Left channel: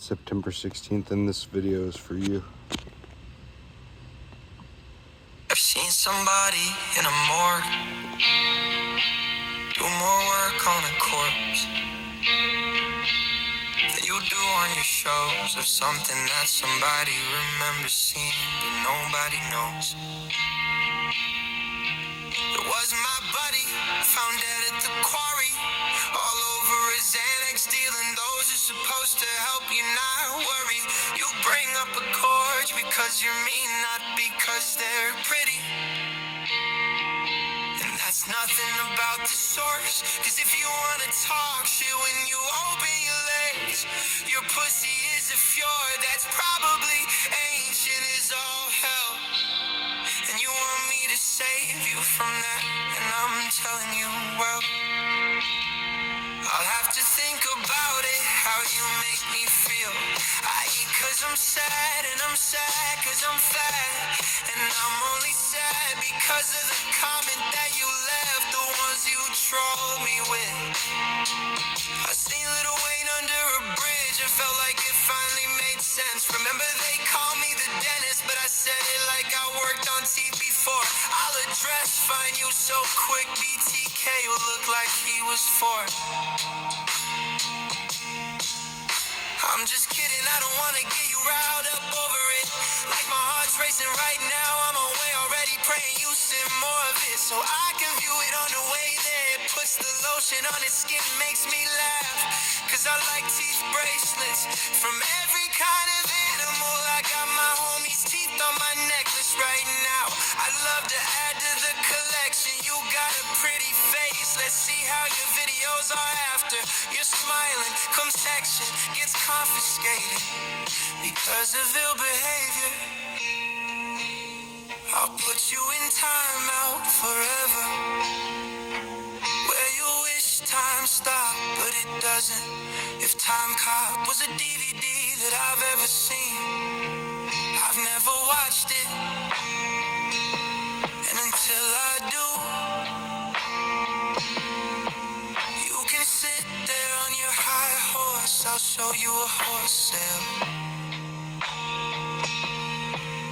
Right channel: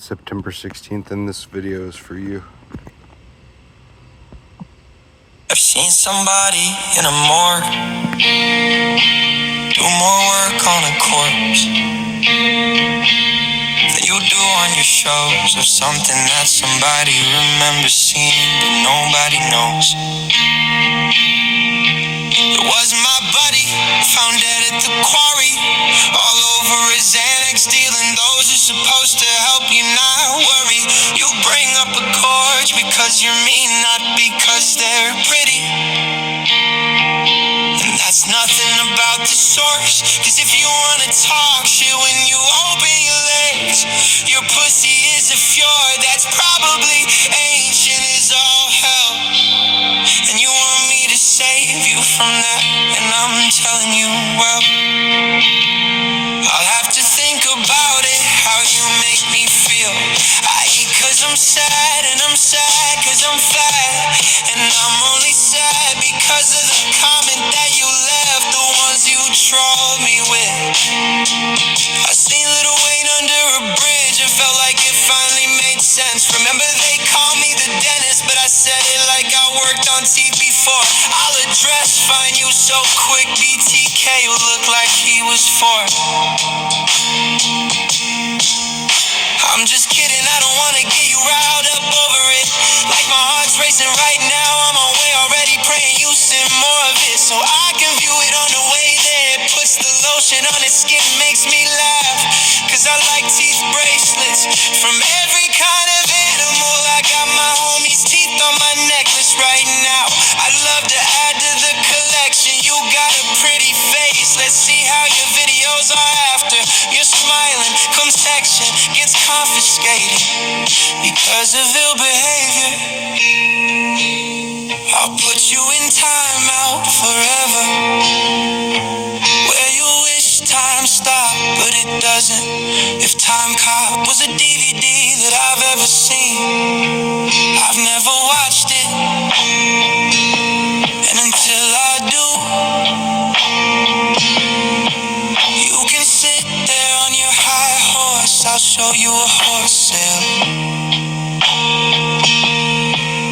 September 16th, and this video is for you. I've seen somebody in a morgue do more work on a corpse than you do on your shows, of something that somebody remembers seeing but nobody knows. It was my buddy, found dead at the quarry, all over his Xanax, dealing those who're supposed to help you not worry. You bring up a gorge because you're mean, not because they're pretty. And that's nothing about the source, cause if you wanna talk shit when you open your legs, your pussy is a fjord that's probably ancient as all hell. And you want me to save you from that, and I'm telling you, well, I'll have to think about it, how you make me feel. I eat cause I'm sad, and I'm sad cause I'm fat, and I'm only sad because of the comment that you left, the ones you trolled me with. I seen Lil Wayne under a bridge, it felt like it finally made sense. Remember they called me the dentist, but I said it like I worked on teeth before. I'll address, find you so quick, BTK will look like he was 4. I'm just kidding, I don't wanna get you riled up over it. Like my heart's racing right now, I'm on way already, praying you send more of it, so I can view it on the way there. It puts the lotion on his skin, makes me laugh, cause I like teeth bracelets from every kind of animal. I got my homie's teeth on my necklace right now. I'd love to add to the collection. You got a pretty face, let's see how your videos are after you're smiling. Come section gets confiscated because of ill behavior. I'll put you in timeout forever, where you wish time stopped, but it doesn't. If Time Cop was a DVD that I've ever seen, I've never watched it, and until I do, you can sit there on your high horse, I'll show you a horse sale.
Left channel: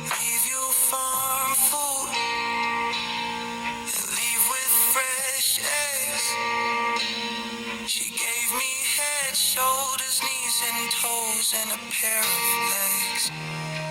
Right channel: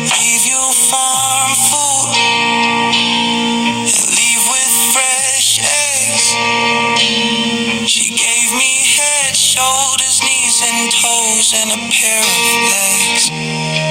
Leave you farm food and leave with fresh eggs. She gave me head, shoulders, knees and toes and a pair of legs.